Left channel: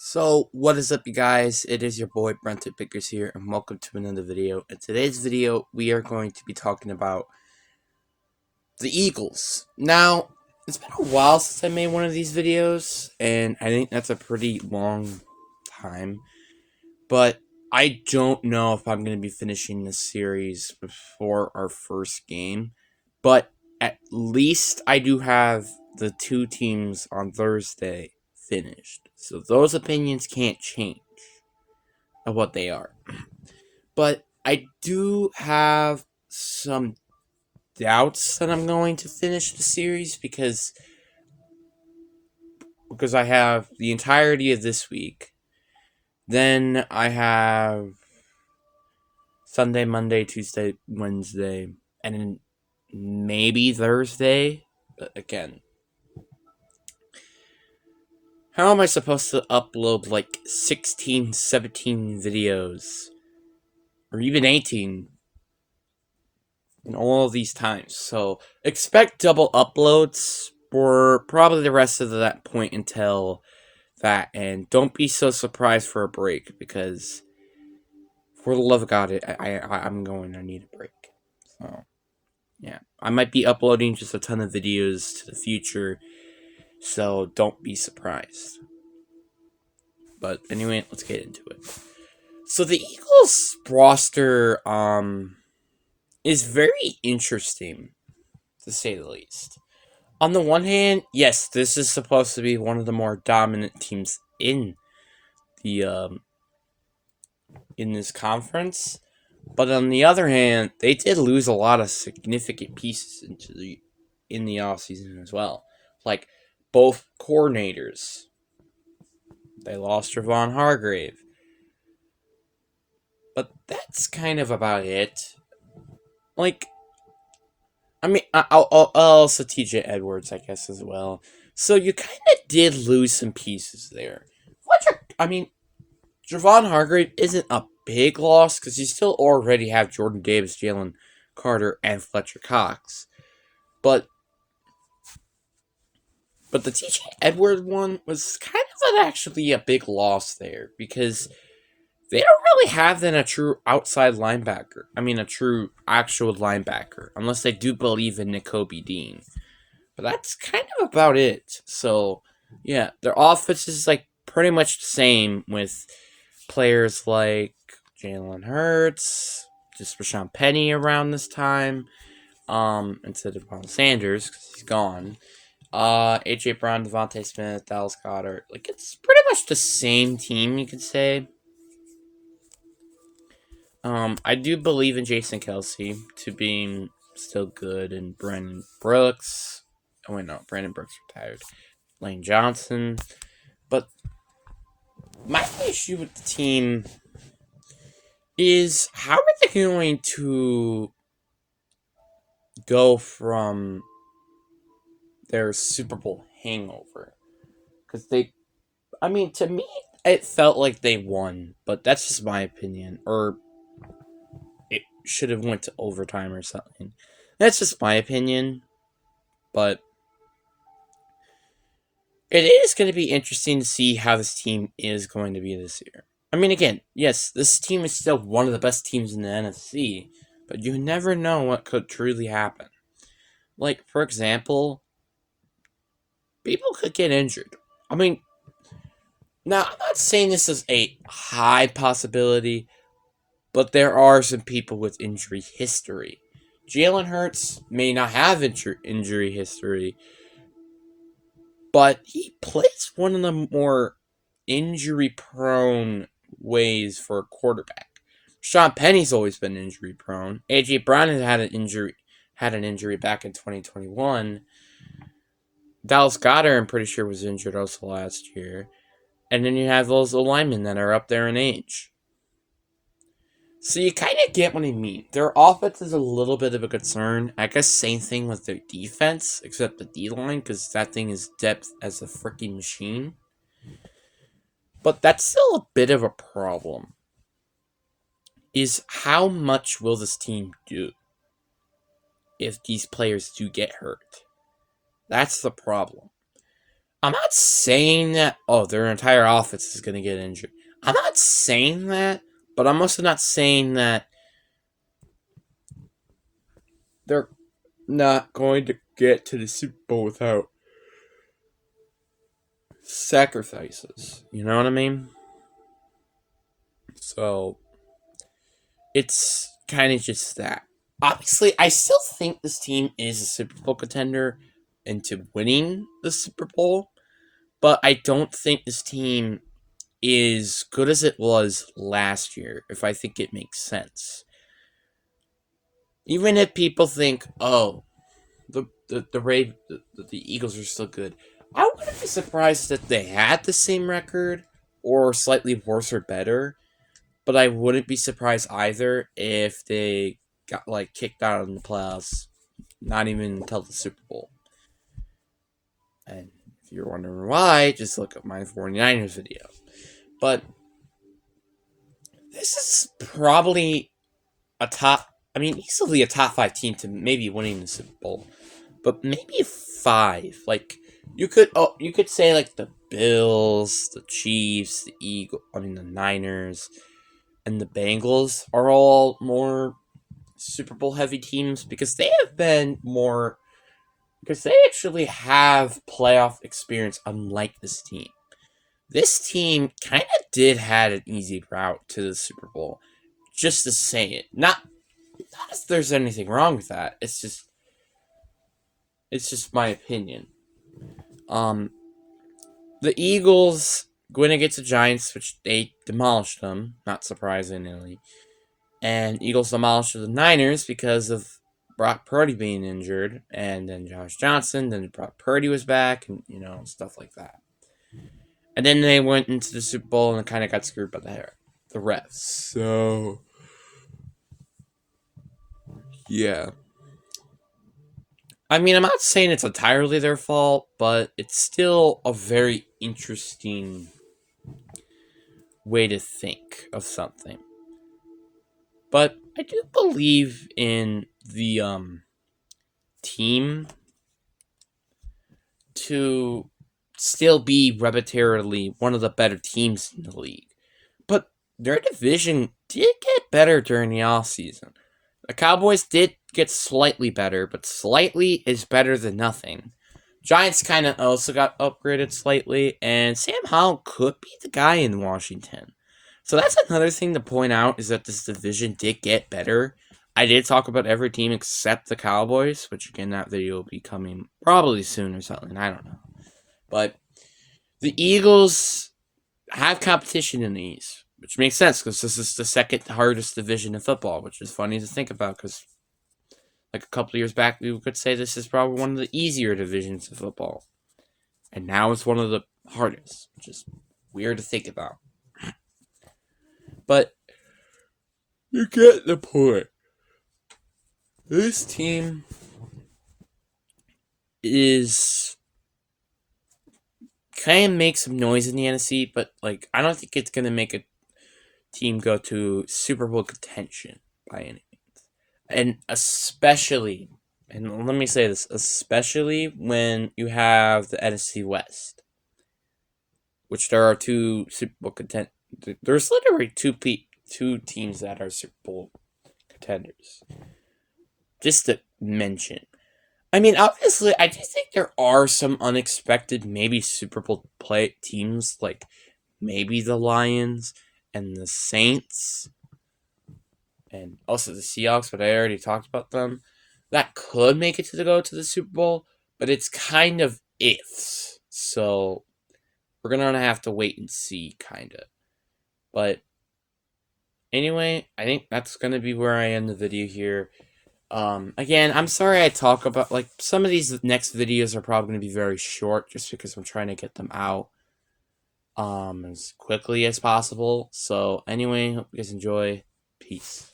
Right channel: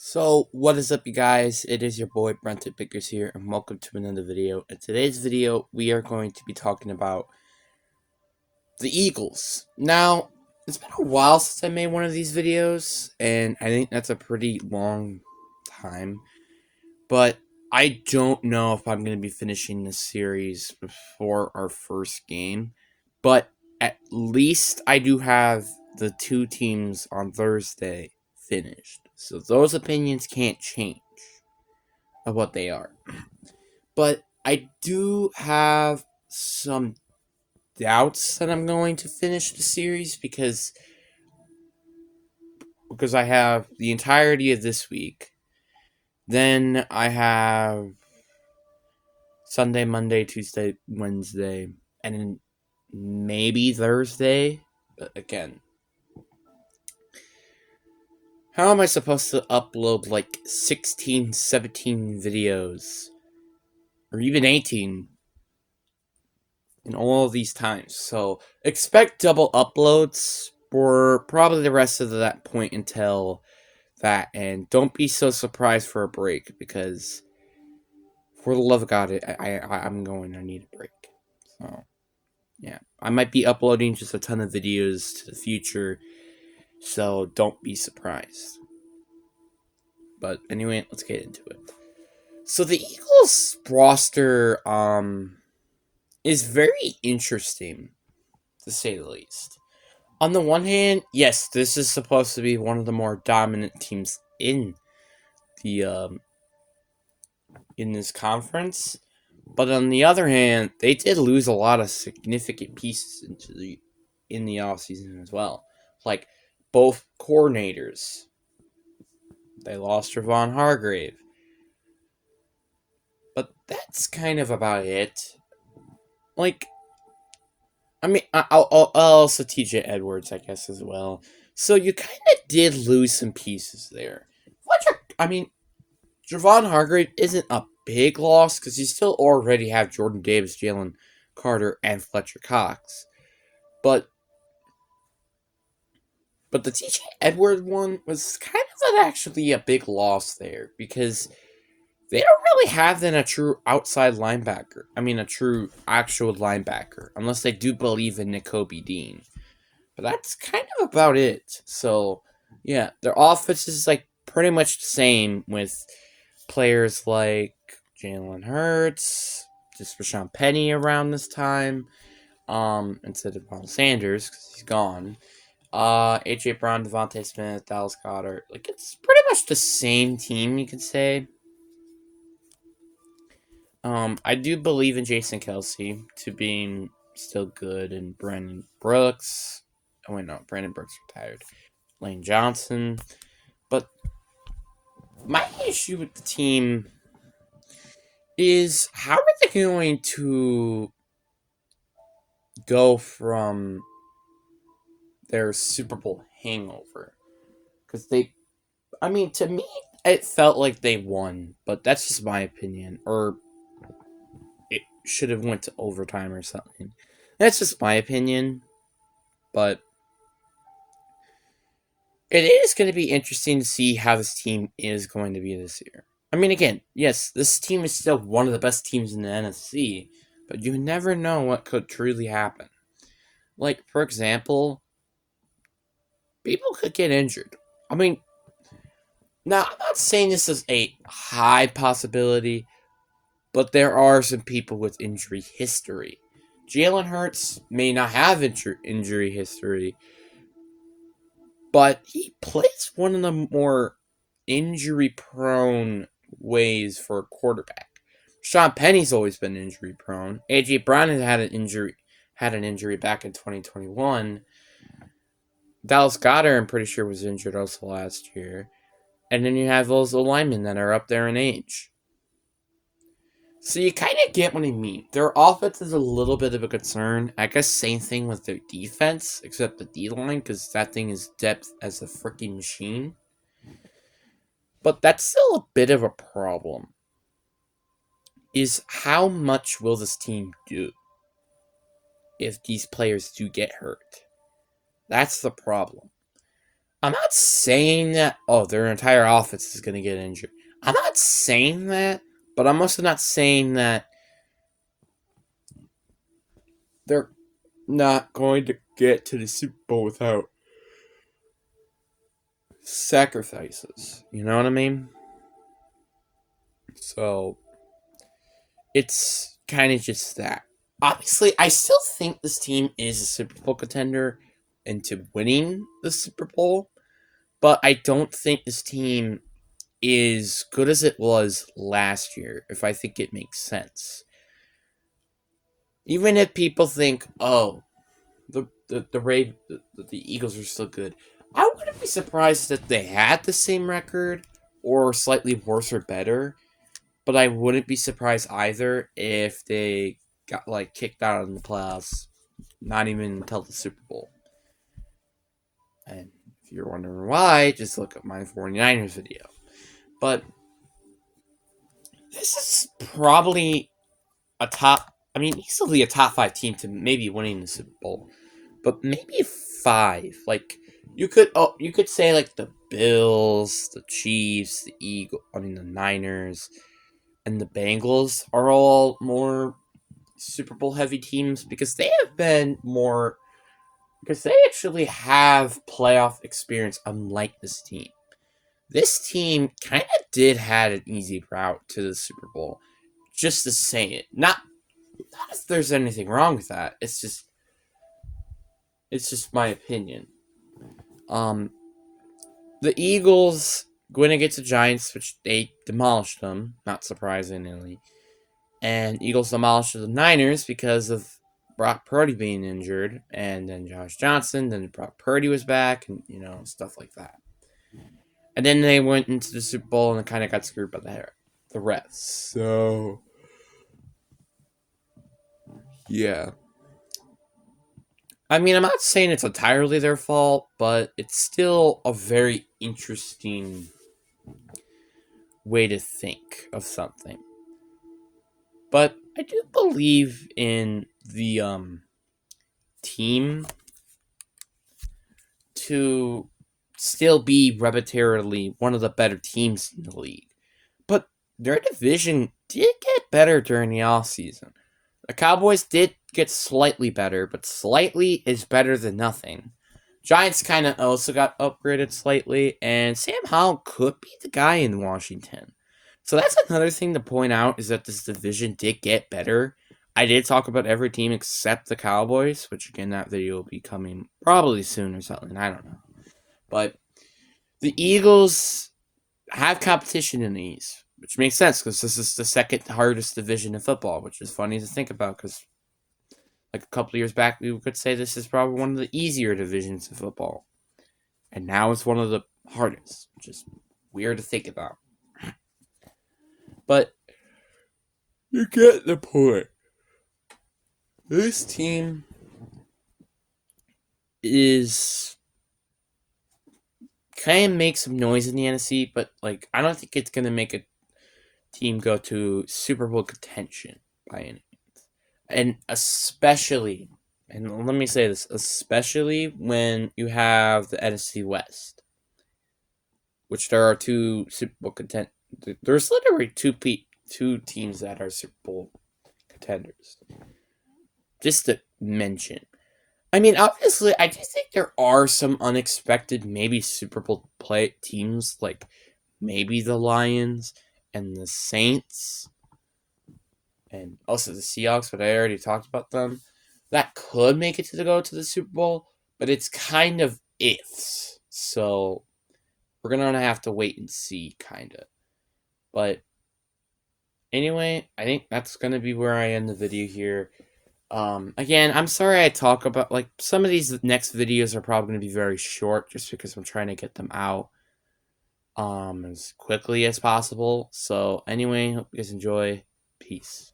So, what is up, you guys? It is your boy Brenton Pickers here, and welcome to another video. In today's video, we are going to be talking about the Eagles. Now, it's been a while since I made one of these videos, and I think that's a pretty long time. But I don't know if I'm going to be finishing this series before our first game. But at least I do have the two teams on Thursday finished. So those opinions can't change of what they are. But I do have some doubts that I'm going to finish the series because I have the entirety of this week. Then I have Sunday, Monday, Tuesday, Wednesday, and then maybe Thursday. But again, how am I supposed to upload like 16, 17 videos? Or even 18 in all of these times. So expect double uploads for probably the rest of that point until that. And don't be so surprised for a break because for the love of God, I'm going to need a break. So yeah, I might be uploading just a ton of videos to the future. So don't be surprised. But anyway, let's get into it. So the Eagles roster is very interesting, to say the least. On the one hand, yes, this is supposed to be one of the more dominant teams in the in this conference, but on the other hand, they did lose a lot of significant pieces in the offseason as well. Like both coordinators. They lost Javon Hargrave. But that's kind of about it. Like, I mean, I'll also TJ Edwards, I guess, as well. So you kind of did lose some pieces there. I mean, Javon Hargrave isn't a big loss because you still already have Jordan Davis, Jalen Carter, and Fletcher Cox. But the TJ Edwards one was kind of actually a big loss there because they don't really have then a true outside linebacker. I mean, a true actual linebacker, unless they do believe in Nakobe Dean. But that's kind of about it. So, yeah, their offense is like pretty much the same with players like Jalen Hurts, just Rashawn Penny around this time, instead of Devon Sanders because he's gone. AJ Brown, Devontae Smith, Dallas Goddard. Like it's pretty much the same team, you could say. I do believe in Jason Kelsey to being still good, and Brandon Brooks. Oh wait, no, Brandon Brooks retired. Lane Johnson, but my issue with the team is how are they going to go from their Super Bowl hangover? Because I mean, to me, it felt like they won, but that's just my opinion. Or it should have went to overtime or something. That's just my opinion, but it is going to be interesting to see how this team is going to be this year. I mean, again, yes, this team is still one of the best teams in the NFC, but you never know what could truly happen. Like, for example, people could get injured. I mean, now, I'm not saying this is a high possibility, but there are some people with injury history. Jalen Hurts may not have injury history, but he plays one of the more injury prone ways for a quarterback. Sean Penny's always been injury prone. AJ Brown had an injury back in 2021. Dallas Goddard, I'm pretty sure, was injured also last year. And then you have those linemen that are up there in age. So you kind of get what I mean. Their offense is a little bit of a concern. I guess same thing with their defense, except the D-line, because that thing is depth as a freaking machine. But that's still a bit of a problem. Is how much will this team do if these players do get hurt? That's the problem. I'm not saying that, oh, their entire offense is going to get injured. I'm not saying that, but I'm also not saying that they're not going to get to the Super Bowl without sacrifices. You know what I mean? So, it's kind of just that. Obviously, I still think this team is a Super Bowl contender into winning the Super Bowl, but I don't think this team is good as it was last year, if I think it makes sense. Even if people think, oh, the Eagles are still good, I wouldn't be surprised if they had the same record or slightly worse or better. But I wouldn't be surprised either if they got like kicked out in the playoffs, not even until the Super Bowl. And if you're wondering why, just look at my 49ers video. But this is probably easily a top 5 team to maybe winning the Super Bowl. But maybe 5. Like you could say like the Bills, the Chiefs, the Niners, and the Bengals are all more Super Bowl heavy teams because they actually have playoff experience, unlike this team. This team kind of did had an easy route to the Super Bowl. Just to say it. Not if there's anything wrong with that. It's just my opinion. Um the Eagles going against the Giants, which they demolished them, not surprisingly. And Eagles demolished the Niners because of Brock Purdy being injured, and then Josh Johnson, then Brock Purdy was back, and stuff like that. And then they went into the Super Bowl and kind of got screwed by the refs. So yeah, I'm not saying it's entirely their fault, but it's still a very interesting way to think of something. But I do believe in the team to still be repetitively one of the better teams in the league. But their division did get better during the offseason. The Cowboys did get slightly better, but slightly is better than nothing. Giants kind of also got upgraded slightly, and Sam Howell could be the guy in Washington. So that's another thing to point out is that this division did get better. I did talk about every team except the Cowboys, which again, that video will be coming probably soon or something. I don't know. But the Eagles have competition in the East, which makes sense because this is the second hardest division in football, which is funny to think about because like a couple years back, we could say this is probably one of the easier divisions in football. And now it's one of the hardest, which is weird to think about. But you get the point. This team is kind of make some noise in the NFC, but like I don't think it's gonna make a team go to Super Bowl contention by any means. And especially, and let me say this, especially when you have the NFC West, which there are two Super Bowl contenders. There's literally two teams that are Super Bowl contenders. Just to mention. Obviously, I do think there are some unexpected, maybe Super Bowl play teams, like maybe the Lions and the Saints, and also the Seahawks, but I already talked about them. That could make it to the Super Bowl, but it's kind of ifs. So we're gonna have to wait and see, kind of. But anyway, I think that's gonna be where I end the video here. Again, I'm sorry I talk about, like, some of these next videos are probably going to be very short just because I'm trying to get them out, as quickly as possible. So, anyway, hope you guys enjoy. Peace.